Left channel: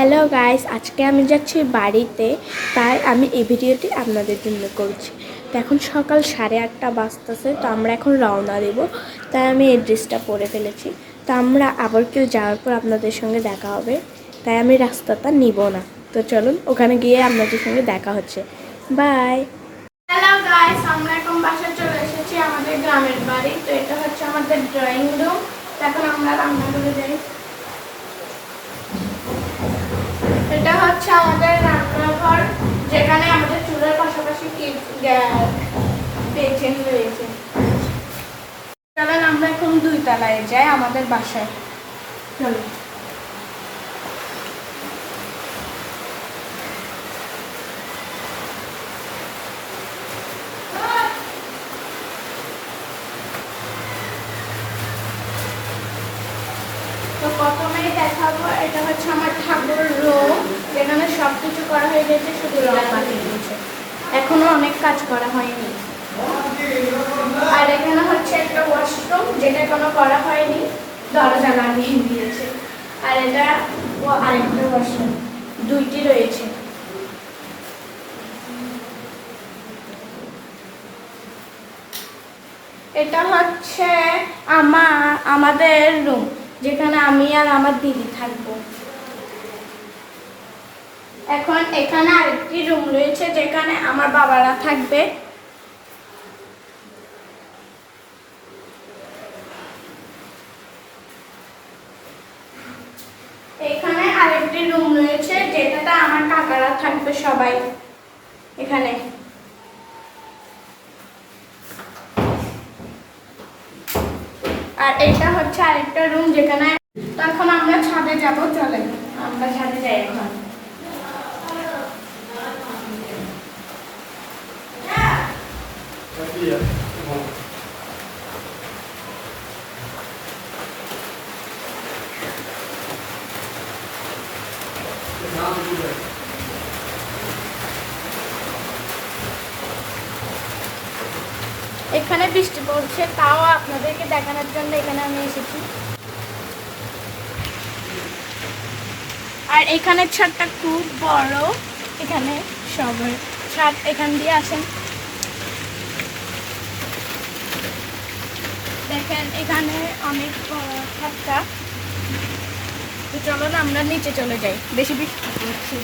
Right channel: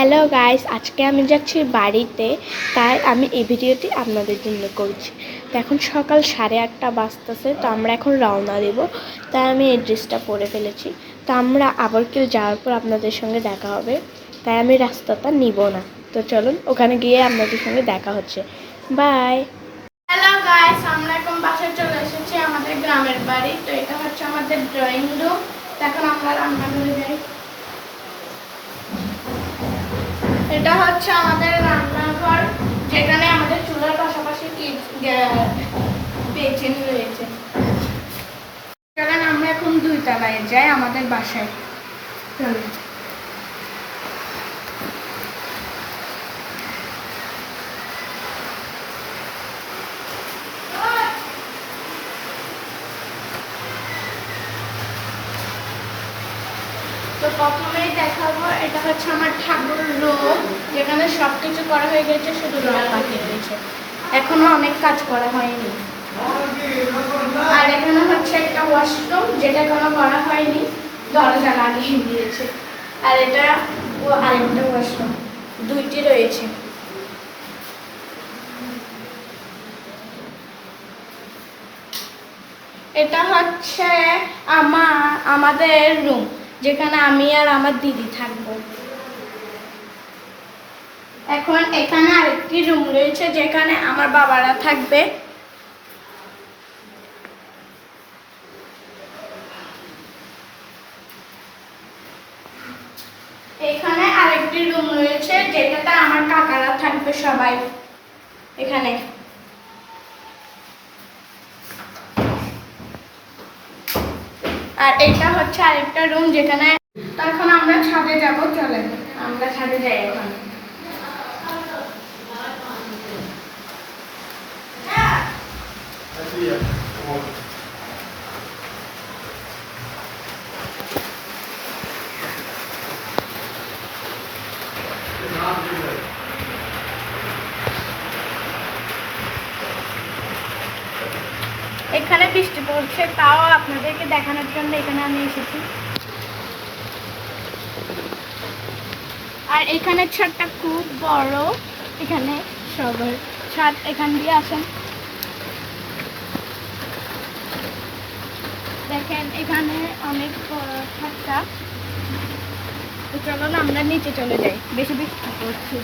Hello guys আজকে আমি যাচ্ছি বাড়িতে, তাই আমি এই ভিডিওটি আপনাদের জন্য করছি। তো এখন সকাল সাড়ে আটটা বাজতেছে, তো আমরা এখন রওনা দেব। তাই আমি এই ড্রেসটা পরে ফেলেছি। তো আমরা আবার কেউ যাওয়ার পর আপনাদের সঙ্গে দেখা হবে। তাই আমি রাস্তাটা নিব না। তো চলুন, ওখানে গিয়ে আপনাদের সঙ্গে দেখা হচ্ছে। বাই হ্যালো গাইস আমরা এখন বাসায় চলে এসেছি আমাদের গ্রামের বাড়ি। তো এটা হচ্ছে আমাদের ড্রয়িং রুম তো এখন আমরা রান্না করে যাই এটা হচ্ছে আমাদের রান্নাঘর, যেখানে আমাদের চুলার পাশাপাশি বেচেন রয়েছে। চলেন, আমরা এখন দুই তলায় যাই, আমাদের বাসায়। তো প্রথমেই দেখাবো, এটা হচ্ছে আমার ঠাকুরের সব কিছু করা হয়ে গেছে, শুধু রং বাকি রয়েছে এখনও অনেক কাজ করা হয়নি। আর এখানে হচ্ছে একটা ওয়াশরুম যেটা কোনো করা হয়নি, দরজা লাগিয়ে দিয়েছে। আর এটা আরেকটা ওয়াশরুম দুইটি রয়েছে। এটা হচ্ছে আমা আমাদের রুম যেখানে আমি আর আমার দিদি থাকব। এখন এখানে আরেকটি রুম রয়েছে যেখানে আমার বাবারা থাকবে। এখানে আরেকটি রুম রয়েছে যেটাতে আমার কাকারা থাকবে সবাই এখানে। আর এটা হচ্ছে আরেকটা রুম যেখানে তখন আমরা ছাদে যাব চলে আমরা ছাদে যাই এখন। এখানে বৃষ্টি পড়ছে, তাও আপনাদেরকে দেখানোর জন্য এখানে আমি এসেছি। আর এখানে ছাদটা খুব বড়, এখানে সবার ছাদ এখান দিয়ে আসেন। দেখেন এখানে অনেক থাকা তো চলো না আমরা নিচে চলে যাই। বেশি পড়ছে।